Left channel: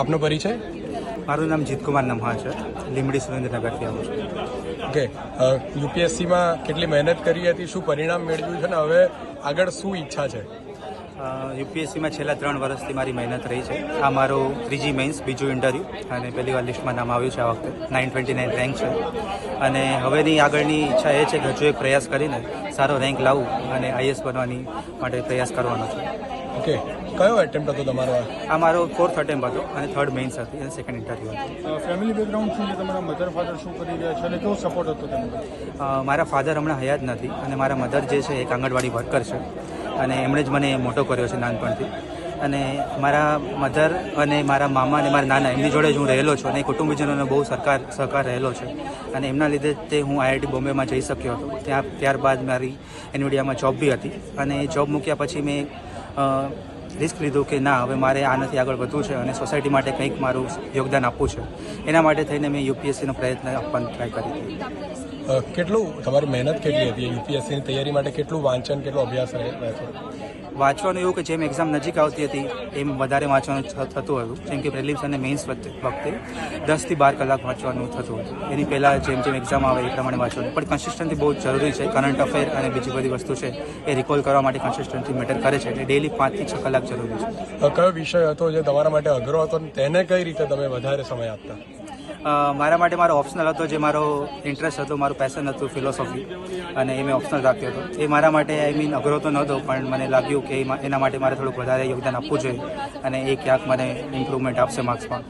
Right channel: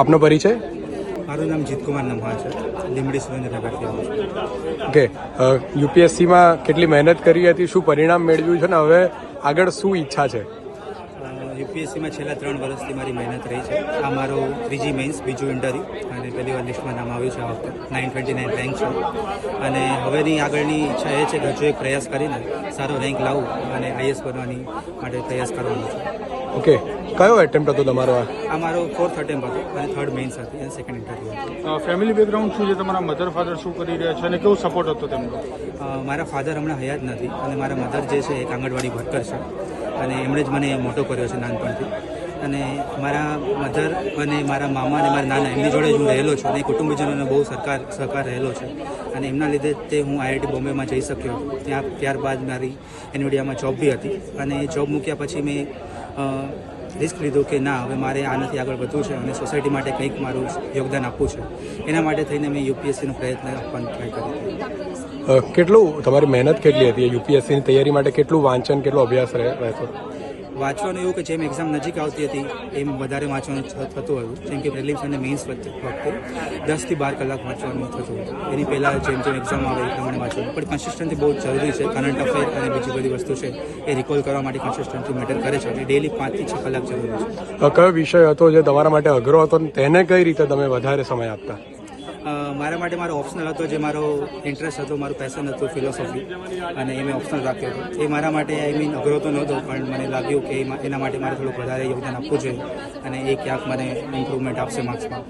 આપનો પરિચય? મારું નામ જીતકુમાર નમહા છે, લીંબડી સુરેન્દ્રનગરથી આવું છું. ઓકે, યુપીએસસીમાં કેટલી મહેનત કરી હતી, શું પરિણામ મેળવ્યું છે ને હવે આગળ શું ઈચ્છા છે? યુપીએસસીમાં છેલ્લા 3 વર્ષથી મારી મહેનત રહી છે. આ મારું 3જી મેન્સ, બીજું ઇન્ટરવ્યૂ અને પહેલી વાર લિસ્ટમાં નામ આવ્યું છે. આ વખતે 929 રેન્ક છે અને હવેની આગળની ઈચ્છા એ છે કે હજુ એક પ્રયાસ કરીને સારો રેન્ક લાવું અને આઈએસ બનવાની માટે પ્રયાસ કરવાનો છે. ઓકે, કયો એટેમ્પ્ટ હતો તમારો? આ મારો 4th એટેમ્પ્ટ હતો અને 3rd મેન્સ હતી અને 2nd ઇન્ટરવ્યૂ હતું. ફેમિલી બેકગ્રાઉન્ડ શું છે? તમારા મધર ફાધર શું કરી રહ્યા છે અને કેવું સપોર્ટ હતો તેમનો? મારા ફાધર હમણાં હયાત નથી અને મારા મધર જે છે એક આંગણવાડી વર્કર છે અને એમણે જ મને મોટો કર્યો છે નાનપણથી. અને મારા મધર અને મારા મામા અને મારા નાના એમની જોડે જ હું રહેલો છું અને કુટુંબીજનોનો બહુ સહકાર રહેલો છે અને એમના લીધે તે હું આઈઆઈટી બોમ્બેમાં જઈ શક્યો હતો. ત્યારબાદ મારી એનવીડિયામાં જોબ બી હતી અને એ જોબ મૂક્યા પછી મેં રિસ્ક લીધું કે ના, હવે મારે આનાથી આગળ વધવું છે અને સોસાયટી માટે કંઈક મારું યોગદાન આપવું છે. એના માટે થઈને મેં યુપીએસસીનો પ્રયત્ન આપવાનો ટ્રાય કરી. કેટલું તમારી મહેનત કેટલી હતી યુપીએસસીની તૈયારી માટે? કેટલું વાંચન, કેટલો અભ્યાસ રહેતો? વાંચવાનું એવું કે જેમ એક્ઝામ નજીક આવતી હતી એમ વધારે વાંચવાનું થતું હતું. જેમ કે પ્રિલિમ્સ અને મેઇન્સ વખતે 10 થી 12 કલાક વાંચવાનું થતું હતું. એની પહેલાં જેમ જેમ એક્ઝામ આવે એ પ્રમાણે વાંચવાનું. પણ કન્સિસ્ટન્સી બહુ જરૂરી છે. કરંટ અફેર અને બીજી બધી વસ્તુ છે એ રિકોલ કરવા માટે કન્સિસ્ટન્સી મેટર કરે છે. એટલે ડેલી 5 થી 6 કલાક જરૂરી છે. તો કયો વિષય હતો જે તમારા માટે અઘરો હતો અને તેને કઈ રીતે તમે વધારે સમય આપતા? મારા માટે મારો ઓપ્શનલ હતો, જે મારો ઇન્ટરેસ્ટ હતો, મારું પેશન હતું ફિલોસોફી, અને એ મેં ઓપ્શનલ રાખ્યો હતો. એ મારા માટે અઘરો તો નહોતો, પણ મને લાગ્યું કે એના માટે મારે થોડુંક વધારે યોગદાન આપવું જોઈએ અને એ ક્યાંક મને ઇમ્પ્રુવમેન્ટ આપશે માર્ક્સમાં.